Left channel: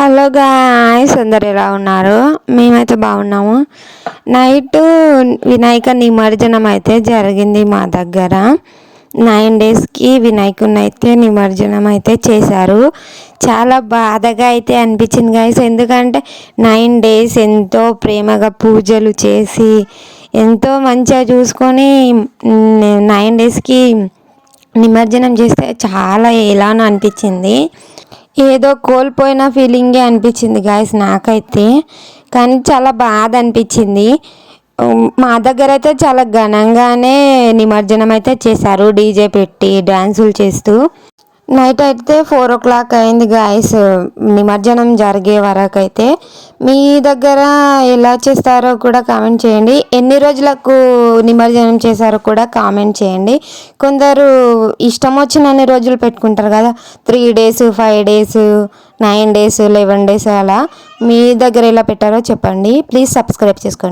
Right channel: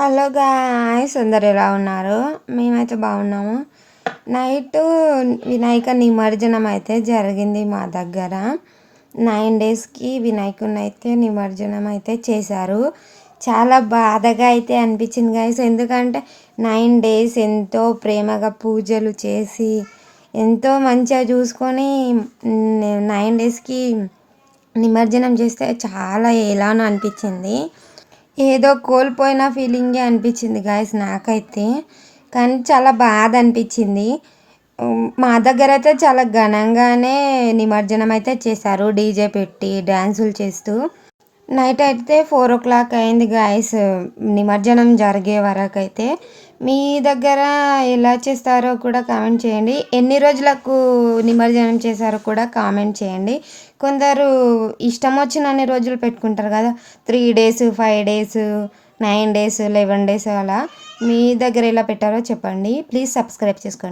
Hello guys, అందరు ఎలా ఉన్నారు? మేమైతే బాగున్నాము. నైట్ వినాయక నిమజ్జనం అయితే జరిగింది మా దగ్గర. 9 డేస్కి వినాయకుడిని అయితే నిమజ్జనం అయితే చేశారు. చాలా బాధగా అయితే అనిపించింది గాయ్స్. ఎందుకంటే 9 డేస్ ఎంతో ప్రేమగా పూజలు చేసి ఎంతో మంచిగా చూసుకొని 9 డేస్కి నిమజ్జనం చేస్తే చాలా ఎలానో అనిపించింది. ఏదో కోల్పోయిన ఫీలింగే అనిపించింది గాయస్ నాకైతే. కానీ చాలా బాధ అనిపించింది. మా దగ్గర అయితే చాలా ఘనంగానే నిమజ్జనం అయితే చేశారు, డీజే పెట్టి డ్యాన్సులు చేస్తూ. నైట్ అయితే 4 o'clock అయింది గాయస్ నిమజ్జనం జరిగే వరకు అయితే. మీ దగ్గర ఎలా చేస్తారో కూడా కామెంట్ చేయండి. ఎన్ని రోజులకు నిమజ్జనం చేశారో కూడా కామెంట్ చేయండి. కొందరు ఇష్టం వచ్చినన్ని రోజులు పెట్టుకుంటారు కదా, 3 days 5 days 9 days 11 days అలా. మీ దగ్గర ఎలా పెట్టారో చెప్పండి. ప్లీజ్ సబ్స్క్రైబ్ చేసుకోండి.